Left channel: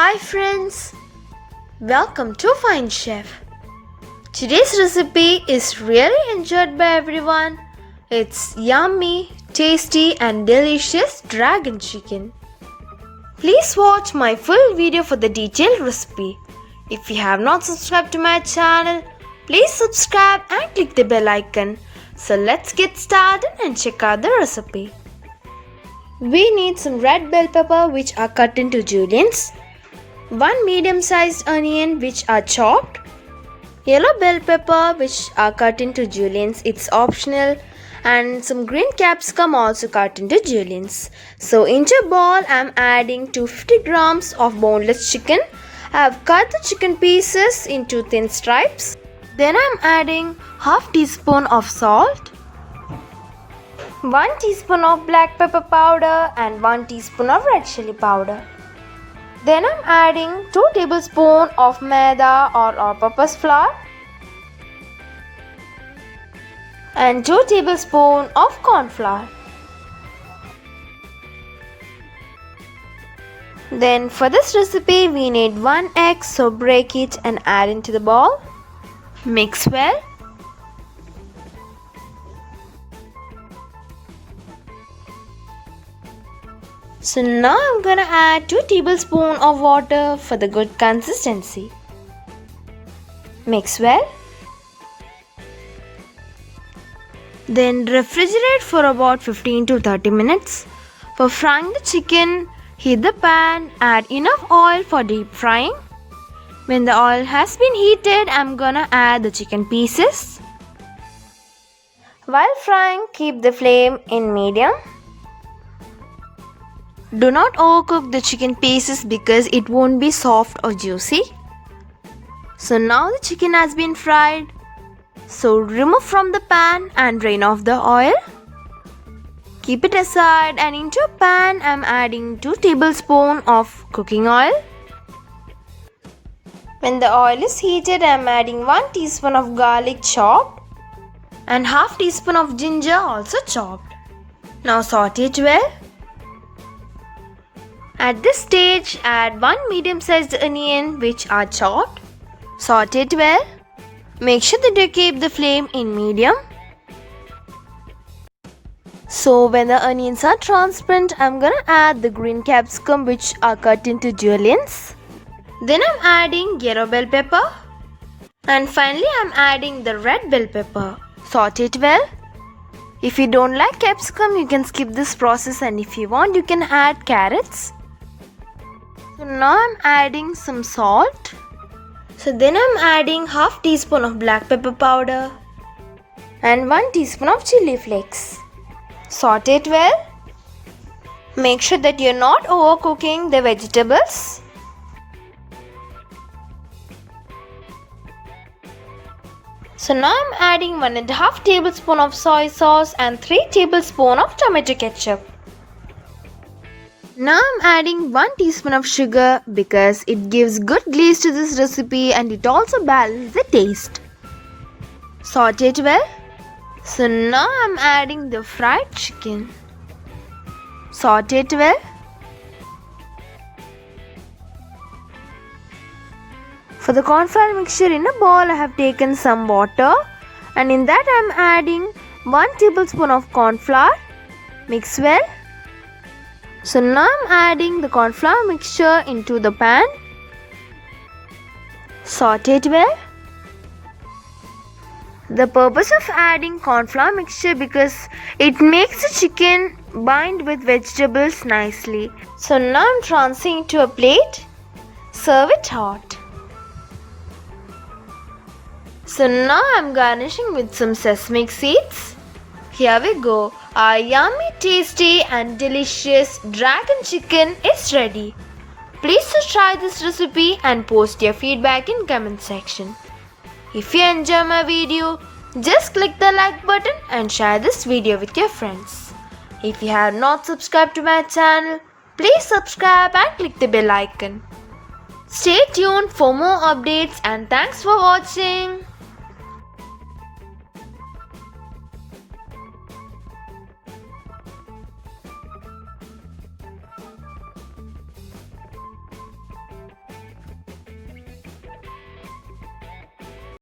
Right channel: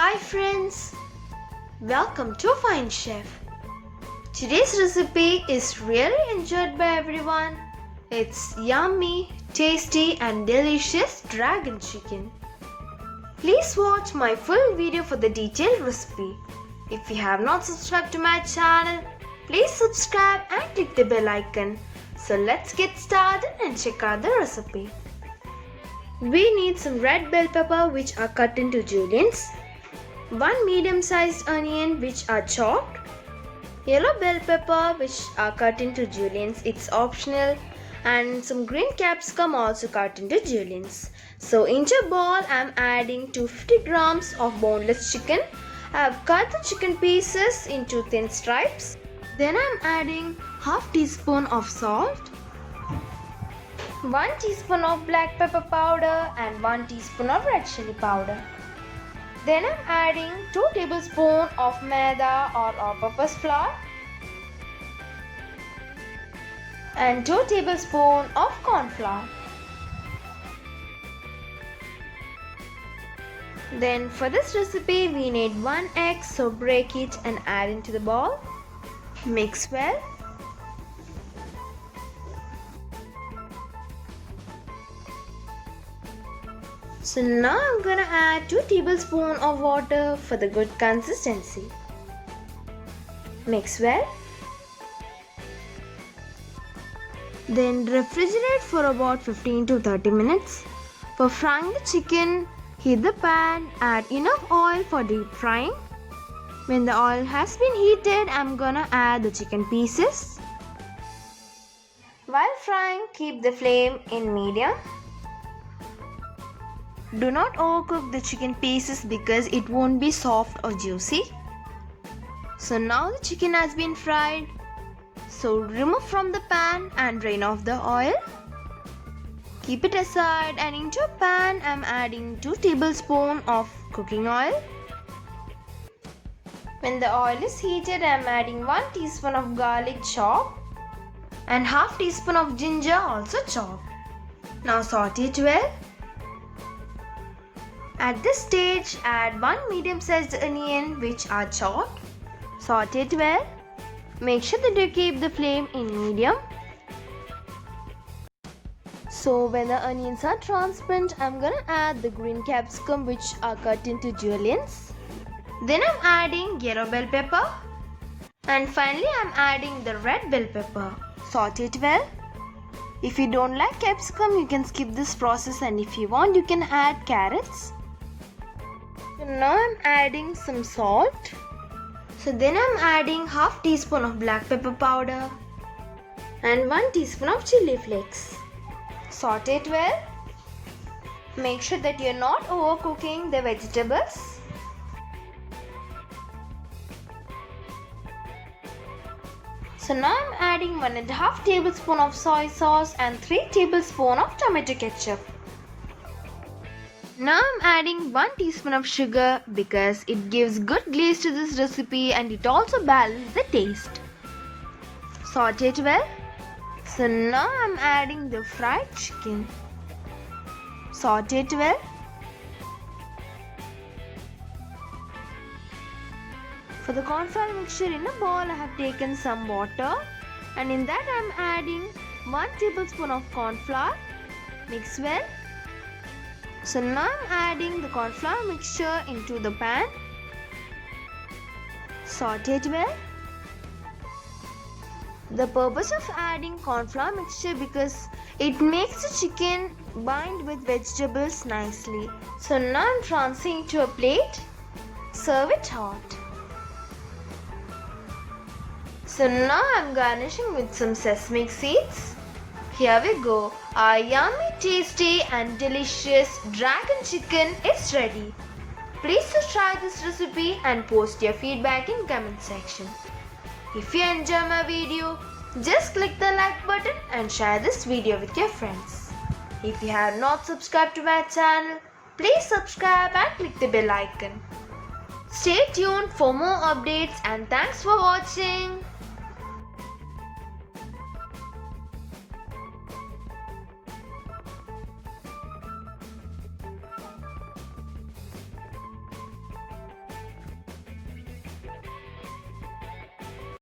Hi friends, welcome to Fine Chef. Today's recipe is really enjoyed by everyone. It's yummy, tasty and delicious dragon chicken. Please watch my full video for the detailed recipe. If you have not subscribed to my channel, please subscribe and click the bell icon. So let's get started and check out the recipe. We need some red bell pepper which are cut into juliennes, 1 medium-sized onion which are chopped, yellow bell pepper which are cut into juliennes, it's optional, and some green capsicum also cut into juliennes. So into a bowl I am adding 250 grams of boneless chicken. I have cut the chicken pieces into thin stripes. Then I am adding half teaspoon of salt, 1 teaspoon of black pepper powder and 1 teaspoon of red chili powder. Then I am adding 2 tablespoons of maida or all-purpose flour and 2 tablespoons of corn flour. Then for this recipe we need 1 egg, so break it and add into the bowl. Mix well. So now I'm gonna add 2 tablespoons of water for the good consistency. Mix well. Then refrigerate for about 15 to 30 minutes. For frying the chicken, heat the pan, add enough oil for deep frying. When the oil has been heated, I'm gonna add the chicken pieces. While frying, keep the flame in medium. Do not overcook the chicken pieces because it won't be soft or juicy. So now the chicken has been fried. So remove from the pan and drain off the oil. Keep it aside, and into a pan I am adding 2 tablespoons of cooking oil. When the oil is heated, I am adding 1 teaspoon of garlic chopped and half teaspoon of ginger also chopped. Now saute it well. At this stage, add 1 medium-sized onion which are chopped. Saute it well. Make sure that you keep the flame in medium. So when the onions are transparent, I'm gonna add the green capsicum which are cut into juliennes. Then I'm adding yellow bell pepper. And finally I'm adding the red bell pepper. Saute it well. If you don't like capsicum, you can skip this process, and if you want, you can add carrots. So now I'm adding some salt. So then I'm adding half teaspoon of black pepper powder and 1 teaspoon of chili flakes. Saute it well. Make sure that you're not overcooking the vegetables. So now I'm adding 1.5 tablespoon of soy sauce and 3 tablespoons of tomato ketchup. Now I'm adding 1 teaspoon of sugar because it gives good glaze to this recipe and it also balances the taste. Saute it well. So now I'm adding the fried chicken. Saute it well. For the corn flour mixture, in a bowl I have taken some water, and in that I am adding 1 tablespoon of corn flour. Mix well. So now I am adding the corn flour mixture into the pan. Saute it well. The purpose of adding corn flour mixture because it makes the chicken bind with vegetables nicely. So now I am transferring to a plate. Serve it hot. So now I am garnishing with some sesame seeds. Here we go. Our yummy, tasty and delicious dragon chicken is ready. Please try this recipe and post your feedback in comment section. If you enjoy my video, just click the like button and share this video with your friends. If you have not subscribed to my channel, please subscribe and click the bell icon. Stay tuned for more updates, and thanks for watching.